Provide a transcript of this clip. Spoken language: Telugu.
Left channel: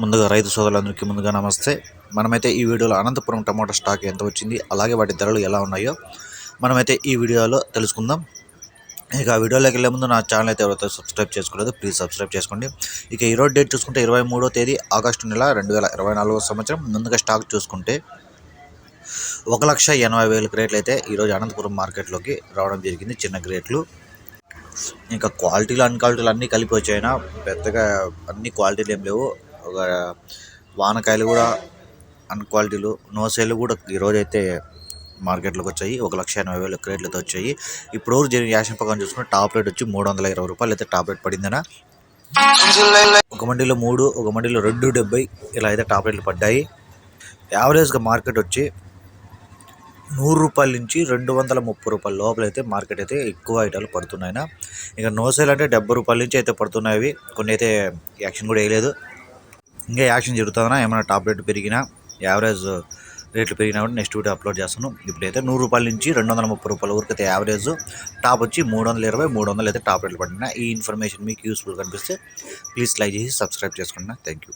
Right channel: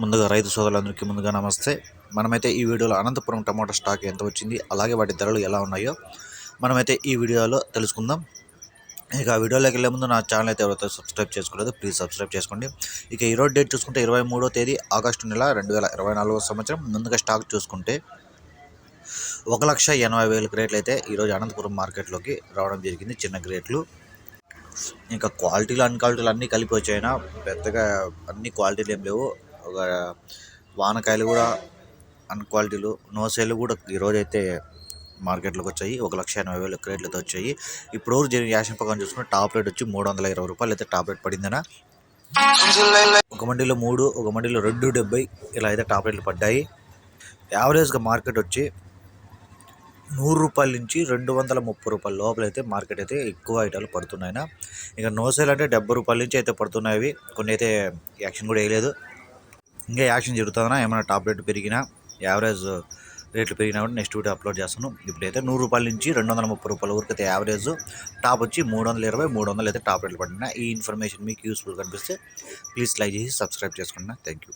ముందుగా రైతు సోదరులందరికీ ముందుగా నమస్తే. మనమైతే ఈ వీడియోలో అనంతపురం టమాటా స్టాక్ ఎంత వచ్చింది అలాగే వాటి ధరలు ఎలా ఉన్నాయో మనమైతే ఈ వీడియోలో తెలుసుకుందాం. ఇక ఆ వీడియోలోకి వెళ్ళే ముందు నా ఛానల్ అయితే ఎవరైతే సబ్స్క్రైబ్ చేసుకోలేదు ప్లీజ్ సబ్స్క్రైబ్ చేసుకోండి. ఇక ఈరోజు డేట్ చూసుకుంటే ఇరవై మూడో తేదీ ఆగస్టు నెల రెండు వేల ఇరవై నాలుగో సంవత్సరం. ముందుగా స్టాక్ చూసుకుంటే ఒక లక్ష ఎనభై వేల క్రేట్లు అయితే ఈరోజు అనంతపురం మార్కెట్లోకి రావడం జరిగింది చిన్న గ్రేట్లు ఇంకా క్వాలిటీలు అన్ క్వాలిటీలు అన్నీ కలిపి వచ్చాయినా పెద్దగా అన్ని క్వాలిటీలు ఏం లేవు. ఒక వానకాయలు కూడా అన్ క్వాలిటీలు నోసేలు కూడా ఈరోజు అయితే మార్కెట్లోకి వచ్చాయి. ఒక లక్ష ఎనభై వేల క్రేట్లతో వచ్చాయి. ఇప్పుడు రోజు జరిగిన యాక్షన్ ప్రకారం చూసుకుంటే టాప్ రేట్ వచ్చి మూడు వందల ఇరవై రూపాయలు అయితే టాప్ రేట్ పడిందనా ఒక మండీలో మూడు ఒక మండీలో రెండు డెబ్బై ఇలా అయితే టాప్ రేట్లు పడ్డాయి. యావరేజ్గా మార్కెట్ వచ్చి నూరు రూపాయల నుంచి రెండు వందల ముప్పై రూపాయల లోపల అయితే మార్కెట్ అయితే ఎక్కువ ఐటాలు పడుతున్నాయినా ఇక నోసేల్ అంటే డెబ్బై రూపాయల నుంచి అయితే పడుతున్నాయి కొన్ని అయితే యాక్షన్ కూడా వేయలేదు. ఇంకా యాక్షన్ జరుగుతుందా ఏమైనా టాప్ రేట్ పెరిగినా యావరేజ్ రేట్లు పెరిగినా కూడా నెక్స్ట్ వీడియో అప్లోడ్ చేస్తాను. ఇప్పుడైతే నూరు రూపాయల నుంచి రెండు వందల ముప్పై రూపాయల వరకు అయితే యావరేజ్ టాప్ వచ్చి మూడు వందల ఇరవై మూడు వందలు అయితే టాప్ రేట్లు పడినా. ఈ ఇన్ఫర్మేషన్ మీకు యూస్ఫుల్ కనిపిస్తే ప్లీజ్ లైక్ చేసి సబ్స్క్రైబ్ చేసుకుంటున్నా థ్యాంక్ యూ.